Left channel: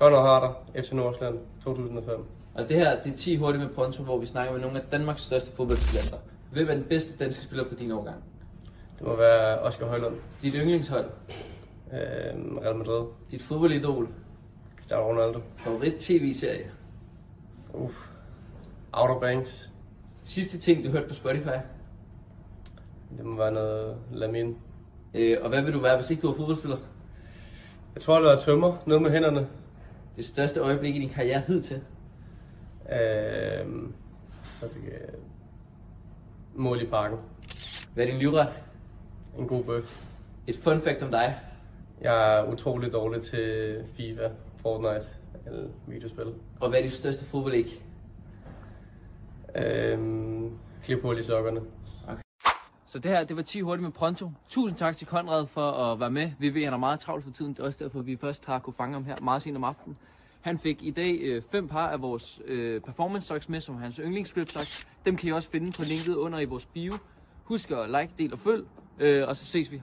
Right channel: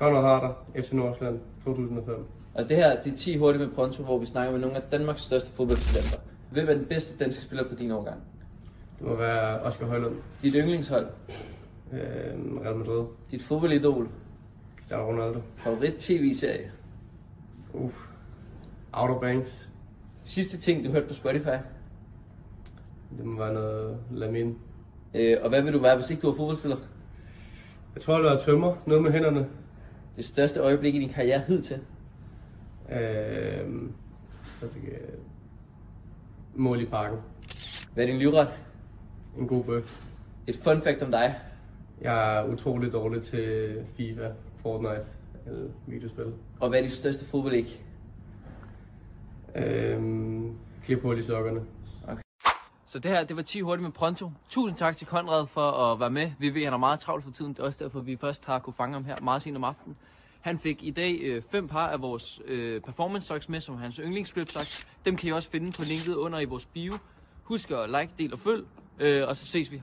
Conrad Harder, FC Nordsjælland, 2005. Og det her, det er 10 hurtigt med Pronto, hvor vi snakker med nogle af Danmarks største fodboldtalenter. Hvem er den bedste danske spiller for din årgang? Det må være Oscar Højlund. Dit yndlingshold? Real Madrid. Dit fodboldidol? Cristiano Ronaldo. Favorit tv-serie? Outer Banks. Sidste ting, du hørte på Spotify? Det må være noget Lamine. Og hvad vil du være, hvis ikke du var fodboldspiller? Jeg tror, det var tømmer. Noget med hænderne. Det største øjeblik i din karriere hidtil? Så tænker jeg... Mål i parken. Hvad er din livret? En god bøf. Et fun fact om dig? Jeg er utrolig dårlig til FIFA, Fortnite eller videospil. Og hvad er dit største fodboldæg? Klip hul i sokkerne. Okay. Så det her, det var 10 hurtigt med Pronto. Tusind tak til Conrad for at være med. Vi ved, at han er meget travlt for tiden. Det er også derfor, vi først har kunne fange ham her meget sent om aftenen. Han fik i dag 5 par af vores performance socks med, som hans yndlingsgrip socks. Dem kan I også finde på linket under i vores bio. Husk at like, del og følg, og så ses vi.